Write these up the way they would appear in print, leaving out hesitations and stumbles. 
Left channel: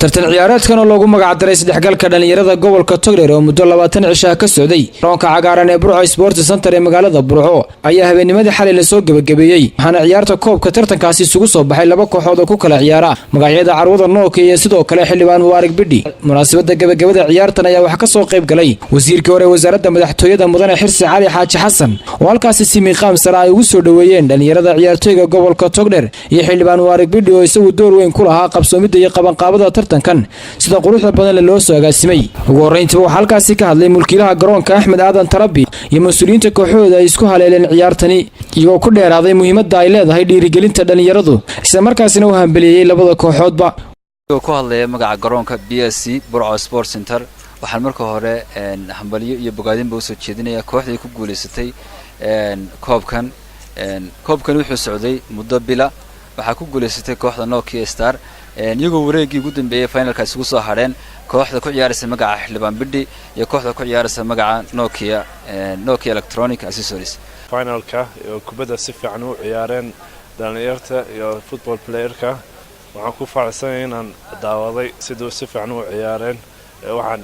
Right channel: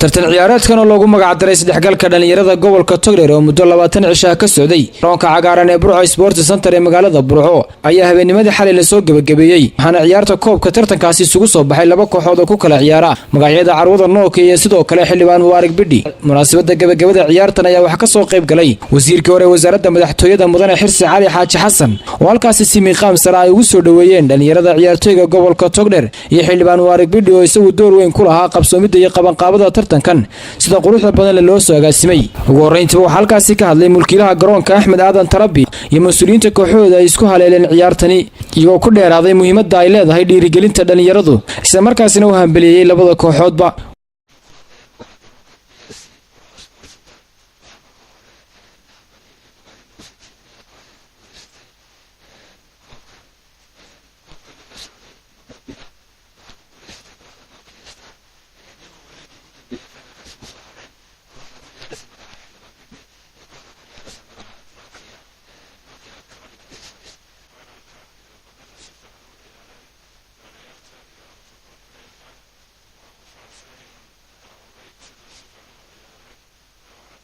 tartan ciyaareedkan oo loogu magac daray saddexgalka dhalinyarada gobolka Togdheer oo muddo 20 cisho ka socday garoonka cagaaran ee Burco Sports Center ee magaalada Burco ayaa habeennimadii xalay la soo gabagabeeyay waxaana ciyaarta koobka tartankaasi isugu soo baxay laba kooxood oo ku kala ciyaara magacyada carwada Nokia iyo sidoo kale xildhibaan Mubarak Bidhi munaasabada gabagabada ciyaartan ayaa wax ka soo qayb galay wasiirka hore wasaaradda madaxtooyada mudane Xirsi Cali Xaaji Xasan oo halkaasi si miiqaam sare ay ugu soo dhaweeyeen dhalinyarada ciyaartooyga gobolka Togdheer iyo xildhibaan Mubarak Bidhi oo isagu door weyn ku lahaa qabsoomida iyo qabanqaabada tartankan sida quruxda badan loo soo agaasimay ugu horeyntii waxa halkaasi ka hadlay mulkiilaha garoonka Axmed Aadan Tarabi iyo mas'uuliyiinta kooxooda ay isku haleeleen ciyaartani iyagoo ku dheeraaday muhiimadda ay leedahay dhiirigelinta dhalinyaradu isla markaasina uu hambeliyay labada kooxoodba ku hadlay magaca garoonka BSC Burco Sports Center waxaan marka hore hambaliyo iyo bogaadinba u soo jeedinaya kooxdii ku guuleysatay koobkan wuxuu socday muddo bila waxa ku guuleysatay kooxda Nokia Star iyagoo wareegii ugu dambeeyay finalka isugu soo hareen kooxda ku ciyaaraysa magaca xildhibaan Bidhi iyo kooxda ku ciyaaraysa magaca Nokia Electronic Accessories finalka kubadda si fiican u ciyaareen dhalinyarta iyo football playerka waxaan ku faraxsanahay inaan daawaday sidoo si fiican u ciyaareen waxaan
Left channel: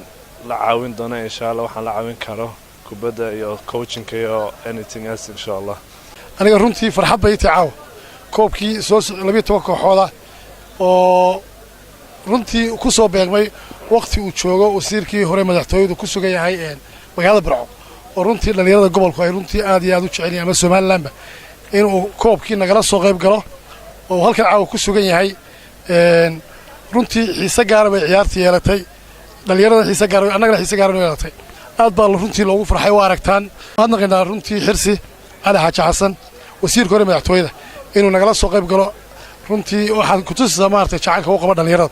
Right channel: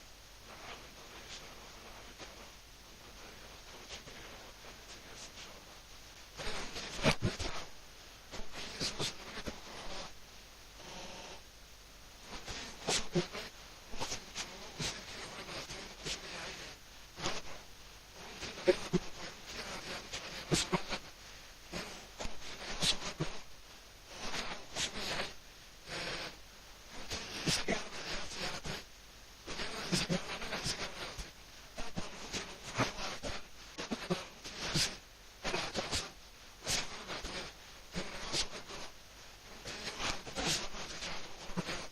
la caawin doonaa insha Allah waxaan la caawin karo kubadda iyo coaching iyo anything else insha Allah aniga runtii farxad bay taaw koobkii soo 12 kooxood oo runtii ku soo beegmay waqti uu joogo wasiirkii hore madaxtooyadu ku sugan yahay magaalada Burco oo runtii dhalinyarada gobolku ay runtii aad iyo aad u jecel yihiin Soomaaliland inuu koobkii nagala soo qayb galo oo halkan caaw ku sugan yahay runtii xiisa gaar ah bay ciyaartii yeelatay dhalinyarada xiisa gaar ah annaga xiisa gaar ah yeelatay aad baa runtii loogu farxay waa aragtaan waxaan naqaynaa runtii Xirsi Cali Xaaji Xasan wasiirka hore madaxtooyada inuu nagala soo qayb galo runtii waxaan ku tusaysaa maartay jacaylka uu qabo dhalinyarada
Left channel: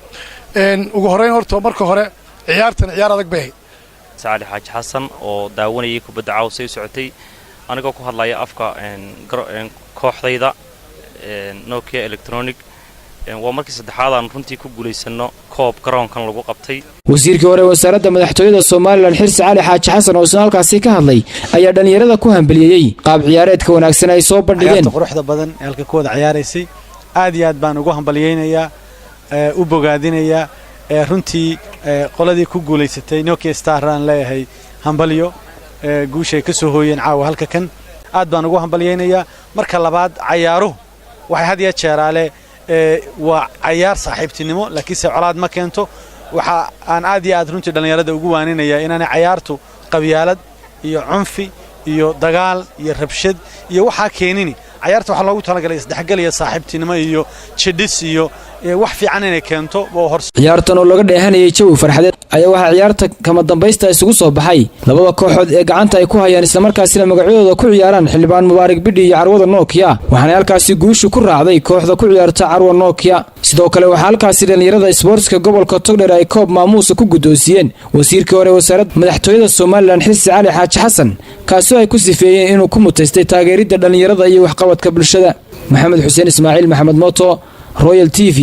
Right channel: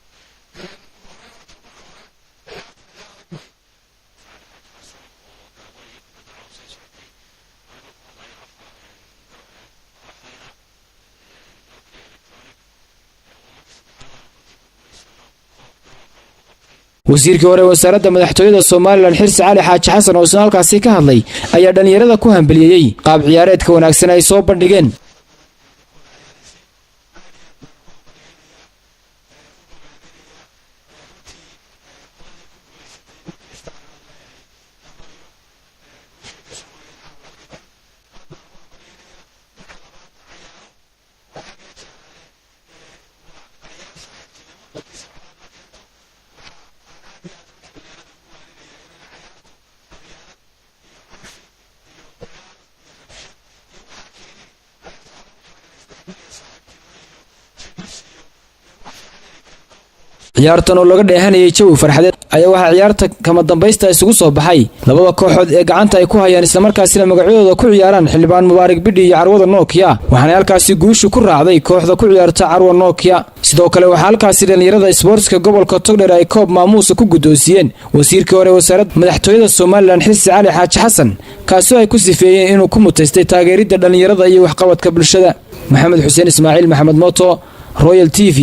ugu horeyn horta marka hore ciyaartan ciyaar adag bay Cali Xaaji Xasan oo daawanayay kubadda cawsay socotay aniga ku hadlaya afka kooxdayda Nokia Electronic waa markii saddexaad aan runtii ku guuleysano koob garoonkan lagu qabtay wasiirka hore wasaaradda madaxtooyada Soomaaliland Xirsi Cali Xaaji Xasan oo halkaasi ka hadlay ayaa dhalinyarada ku hambeliyay qaab ciyaareedka wanaagsan ay soo bandhigeen quruxda badan ee halka kooda ciyaaraysay aad iyo aad baan ugu hambaliyeenayaa u bogaadinayaa runtii qoladii ku guuleysatay Nokia Star aan leeyahay hambaliyo guushay ka soo hooyeen caawa halka kan aad baan ugu hambaliyeenayaa marka labaad ciyaaruhu waxay had iyo jeeraale waa ciyaar saaxiibtinimo laakiin se colaad ma keento waxa aan aad iyo aad runtii dhalinyarada ugu waaninayaa inaan ciyaartu qabyaalad iyo cunfi iyo dagaal iyo rabshad iyo waxa keenini ciyaarta waxa loogu talagalay isdhexgal iyo saaxiibtinimo iyo jidhis iyo wax fiican inay keento oo hor ciyaartan oo laga dheehanayay jawi farxadeed ayaa waxa ciyaarta kama dambaysta isugu soo baxay labada kooxood ee gacanta ay ku hayaan isla markaasina magacooda ku ciyaaraan xildhibaan Mubarak Bidhi iyo carwada Nokia waxaana halkaasi guushu ku raacday kooxda ku ciyaarta carwada Nokia sidoo kale waxa halkaasi dhalinyarada sportska gobolka Togdheer ay koob maamuus ku gudoosiyeen wasiirka hore wasaaradda madaxtooyada Soomaaliland Xirsi Cali Xaaji Xasan kaasoo ay ku sifeeyeen inuu ku mutaystay taageeridda dhalinyarada iyo waxqabadka bulshada Maxamed Xuseen Ismaaciil Maxamed Moto Royal TV